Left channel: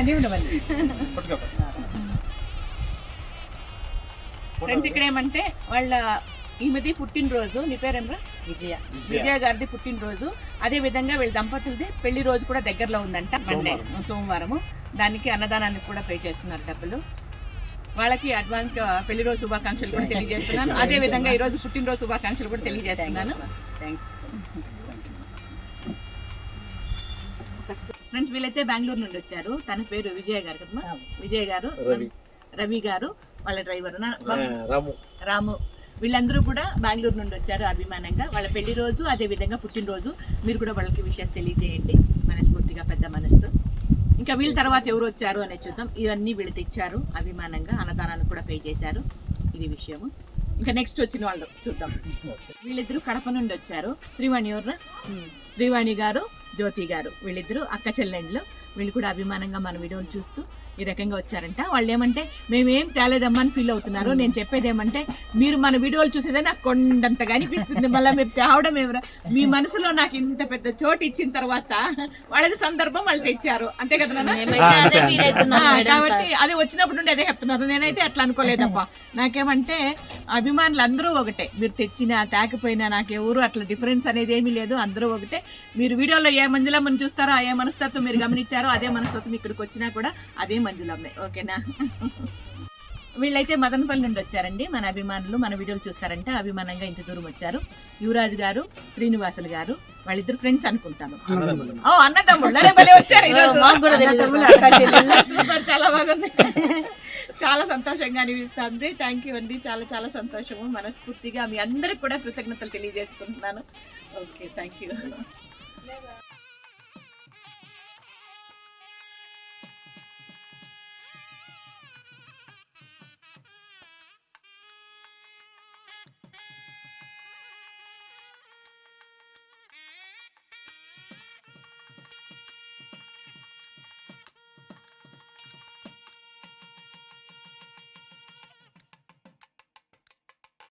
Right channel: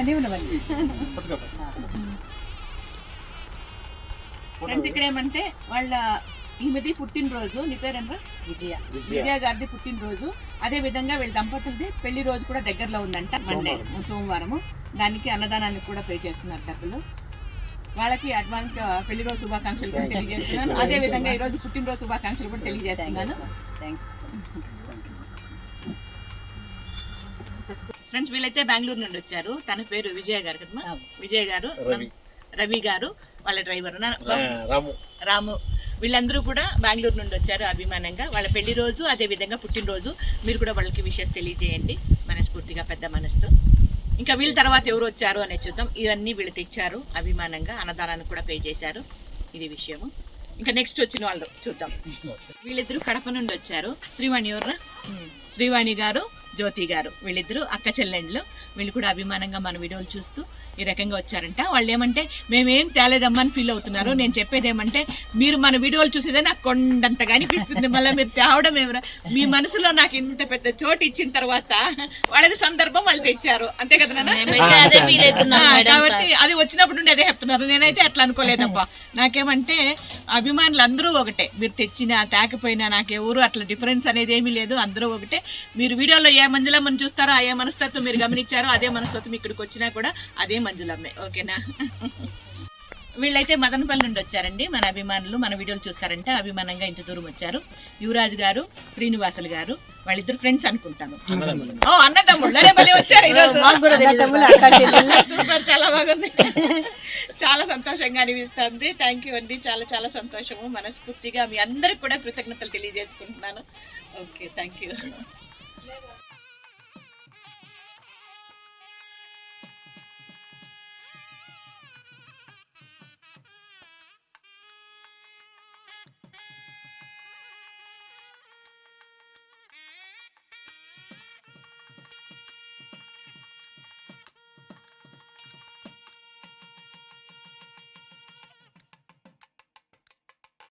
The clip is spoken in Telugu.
నేను ఫ్రెండ్స్ ఇక్కడ ఏమంటే వాళ్ళ ఈమెది పుట్టినరోజు. మీ పేరేమరా విజయ. విజయ. గారిది పుట్టినరోజు. అదే విధంగా వీళ్ళ దంపతులది పెళ్ళి రోజు కూడా దగ్గరలో ఉందంట మండే సోమవారము. దానికి అన్నదానానికి కూడా పే చేస్తున్నారు డబ్బులు. వాళ్ళకి అడ్వాన్స్గా పెళ్ళి రోజు శుభాకాంక్షలు కూడా తెలియజేస్తున్నాను. అదే విధంగా ఈ రోజు పుట్టినరోజు శుభాకాంక్షలు కూడా తెలియజేస్తున్నాను. థ్యాంక్స్ ఫ్రెండ్స్ వీళ్ళైతే బెంగళూరు నుండి వచ్చారు. తన పేరు విజయ గారు కదమ్మా? విజయ్ గారు రవి. గారు వాళ్ళ డ్రైవర్. రాము. రాము. వీళ్ళందరూ కూడా బెంగళూరు నుండి వచ్చారు అభిమానంగా. వాళ్ళ పెళ్ళి రోజు అదే విధంగా పుట్టినరోజు మీరు కూడా వాళ్ళకి విషయాలు తెలియజేయండి. మనస్ఫూర్తిగా పెద్ద మనసుతో. ఇంకా వీళ్ళ తర్వాత ఎవరు వచ్చారు అనేది చూద్దాం. ఇవన్నీ వీళ్ళు తెచ్చారు అభిమానంగా అన్నదానాన్ని కూడా పే చేశారు. ఇది విషయము. ఇంకా నెక్స్ట్ వచ్చిన వాళ్ళు చూద్దాం. వీళ్ళిద్దరూ కడప నుండి వచ్చారు. శ్రీవాణి ఎవరు శ్రీవాణి గారు. జ్యోతి గారు. వీళ్ళిద్దరూ అక్క చెల్లెండ్లు. వీళ్ళు కూడా అభిమానంగా మన వీడియోలు చూస్తూ ఈ రకంగా వచ్చారంట. వాళ్ళు ఏమంటే మేమేం తేలేదమ్మా అని ఫీల్ అవుతున్నారు. నేను చెప్పేది ఏమంటే మీరు మన వీడియోలు చూసేదే నాకు కొండంతగా అనిపిస్తుంది. మళ్ళీ మీరు తేవడం ఏమరా మీ మనసులో నాకు ఇంత పెద్ద చోటు ఇచ్చిన తర్వాత వాళ్ళది సందర్భం వాళ్ళు తెచ్చారు. అంతే కదా కాబట్టి అది వచ్చినప్పుడు నుండి అదే చెప్తున్నారు. నేనైతే అట్లా అనుకోలేదబ్బా నాకేమంటే అభిమానులు అందరూ ఒకటే. మీరు తెచ్చినా తేకపోయినా నాకు ఎవరు అట్లా డిఫరెన్స్ అనేది ఏమీ లేదు. అందరూ ఒకటే. మీరు వీడియోలో ఏ మంజులమ్మని చూస్తారో? ఆ ఏ మనస్తత్వం మీరు గమనించారో అదే మనస్తత్వం ఇక్కడికి వచ్చినా కూడా అదే మంజులమ్మే ఓకేనా? వీళ్ళైతే మదనపల్లి నుండి వచ్చారండి. మన అభిమానులు మన వీడియోలు చూస్తారంటే. అభిమానంగా ఇంత దూరం వచ్చారు. యువరాజు గారు శ్రీనివాసులు గారు వాళ్ళిద్దరు ఫ్రెండ్స్ అనుకుంటాను. ఓ అన్నదమ్ముళ్ళు. అరే భలే వచ్చారు. ఈరోజు మాకు కూడా తెలియదు సూపర్ చాలా బాగుంది. చాలా సంతోషంగా అనిపిస్తుంది. థ్యాంక్ యూ అండి. చాలా చాలా సంతోషము మనస్ఫూర్తిగా మీ అందరికి కూడా కృతజ్ఞతలు తెలియజేసుకుంటున్నాను. Okay thank you